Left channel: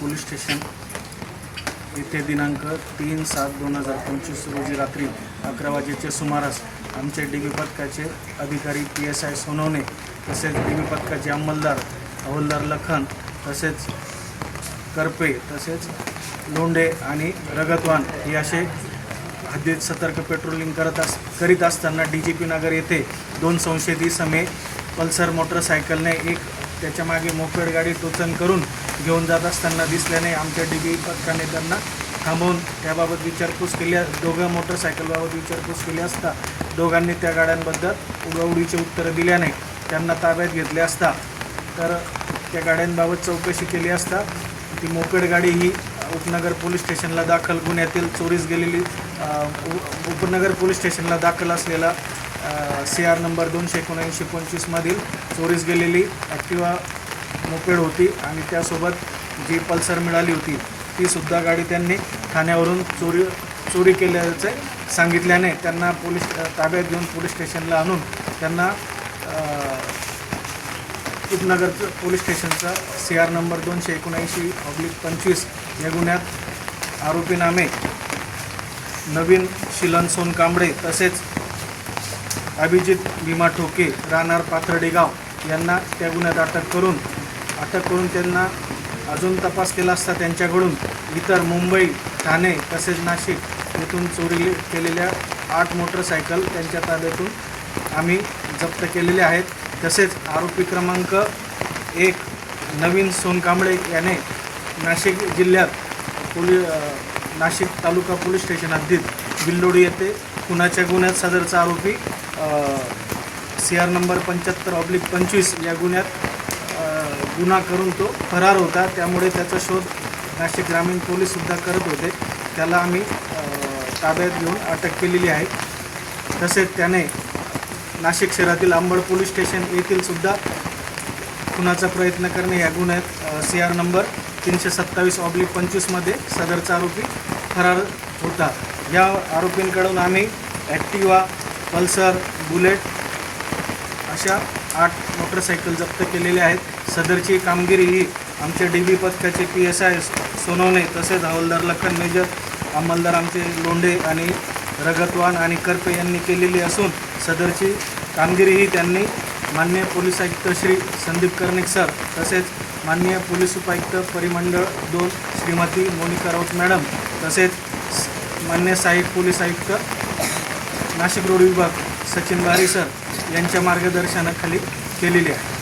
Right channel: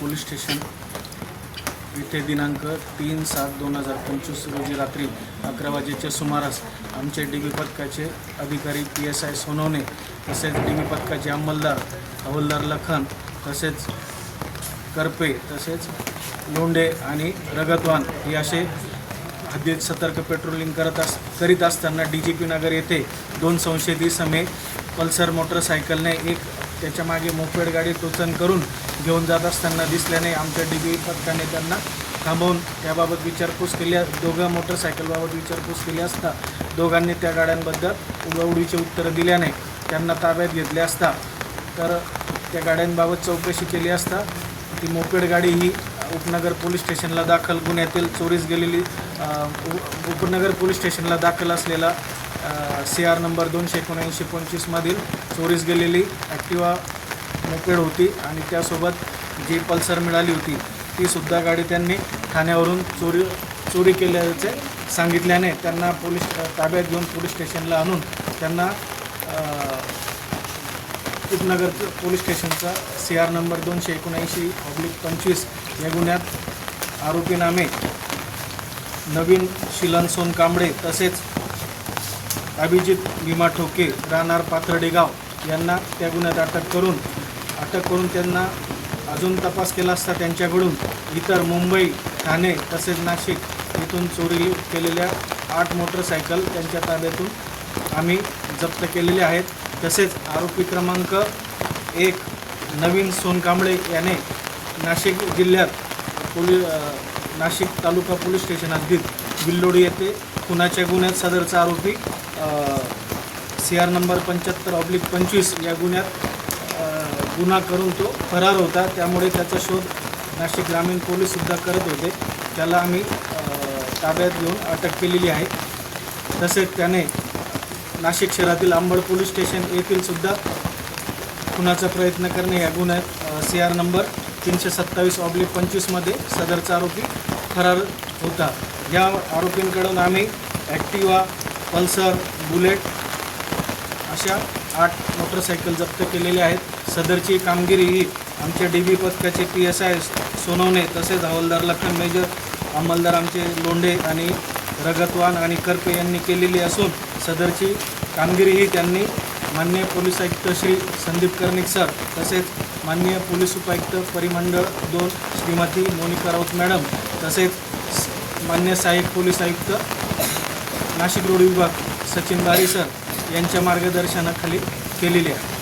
Police station. येथे दिनांक तीन सात दोन हजार पंचवीस रोजी रात्री अकरा वाजेच्या सुमारास आमचे डी बी पथकाचे अधिकारी पी एस आय सोनवणे तसेच डी बी पथकाचे अंमलदार हवलदार लखन तसेच करपे तसेच लोंढे आणि रगतवान हे असे हद्दीत सतर्क पेट्रोलिंग करत अस करीत असताना डी जी पी नगर येथे दोन संशयित समे पल्सर मोटरसायकलने एक त्याच्यामागे मोपेड गाडी टोचन करून घेऊन जात असताना दिसल्याने आमच्या डी बी पथकाने त्यांना थांबवून त्याबाबत विचारपूस केली दोघं मोटरसायकलबाबत विचारपूस केली असता दोघांनी त्या गाड्यांबद्दल उडवडीचे उत्तरं दिल्याने त्यांना ताब्यात घेतले असता. तर त्या गाड्यांबाबत चौकशी केली असता ती मोपेड गाडी ही उपनगर पोलीस स्टेशनला दाखल गुन्ह्यातील चोरीस गेलेली उपनगर पोलीस स्टेशनला दाखल असलेला सी आर नंबर दोनशे एकोणऐंशी पंचवीसमधील चोरीस गेलेली ॲक्टिवा मोपेड होती आणि त्यासोबत जी पल्सर मिळाली होती तीसुद्धा गाडी त्यांनी ठाण्यावरून चोरी चोरी केल्याचे सांगितल्याने त्यांना पोलीस ताब्यात घेऊन पोलीस स्टेशनला आणून त्यांना अ, उपनगर पोलीस स्टेशनचा सी आर नंबर दोनशे एकोणऐंशी ऑब्लिक पंचवीस या गुन्ह्यात आरोपी नामे नवीन शिलन सोन कांबळे तसेच अभिजित भीमा ठोके राहणार पाथर्डेगाव यांना त्या गुन्ह्यात अटक करून अटक करून त्यांना अजून तपास केला असता त्यांच्याकडून इतर मुंबई ठाणे तसेच नाशिक येथून चोरी केलेल्या आठ मोटरसायकल त्यांच्या ताब्यातून आम्ही जप्त केलेले आहेत. तसेच आरोपी क्रमांक एक नवीन सोनकांबळे याने नाशिक जिल्ह्यात पोलि नाशिक तालुका पोलीस स्टेशन हद्दीत बिल्लोडी येथे खुनाच्या गुन्ह्यात सदरचा आरोपी सी आर नंबर पंच्याहत्तर ऑब्लिक पंचवीस या गुन्ह्यात गुन्हा करून तो फरार होता. त्यामुळे त्याचा शोध नाशिक ग्रामीण पोलीससुद्धा करत होते. त्याला आम्ही ताब्यात घेऊन अटक केलेली आहे. तसेच त्याने नाशिक शहरातील अंबड पोलीस स्टेशन येथील सुद्धा खुनाचा प्रयत्न करणे ह्या गुन्ह्यात सी आर नंबर तीनशे सत्तावीस ऑब्लिक पंचवीसमध्ये सदरचा आरोपी फरार होता. या आरोपींकडून आम्ही ॲक्टिवा पल्सर बुलेट अशा आठ मोटरसायकल जप्त केलेल्या आहेत. सदरची कामगिरी ही आमच्या डी बी पथकाचे पी एस आय सोनवणे तसेच हवालदार लखन मेजर अंमलदार आमचे लोंढे आणि रगतवान आणि करपे यांनी केलेली असून सदरची कामगिरीही त्यांनी मान्य पोलीस आयुक्त श्री संदीप कर्णिक सर तसेच मान्य पोलीस उपायुक्त परिमंडळ दोन श्रीमती मोनिका राऊत मॅडम तसेच मान्य सहाय्यक पोलीस आयुक्त नाशिक रोड विभाग सचिन बारे सर यांच्या मार्गदर्शनाखाली केलेली आहे.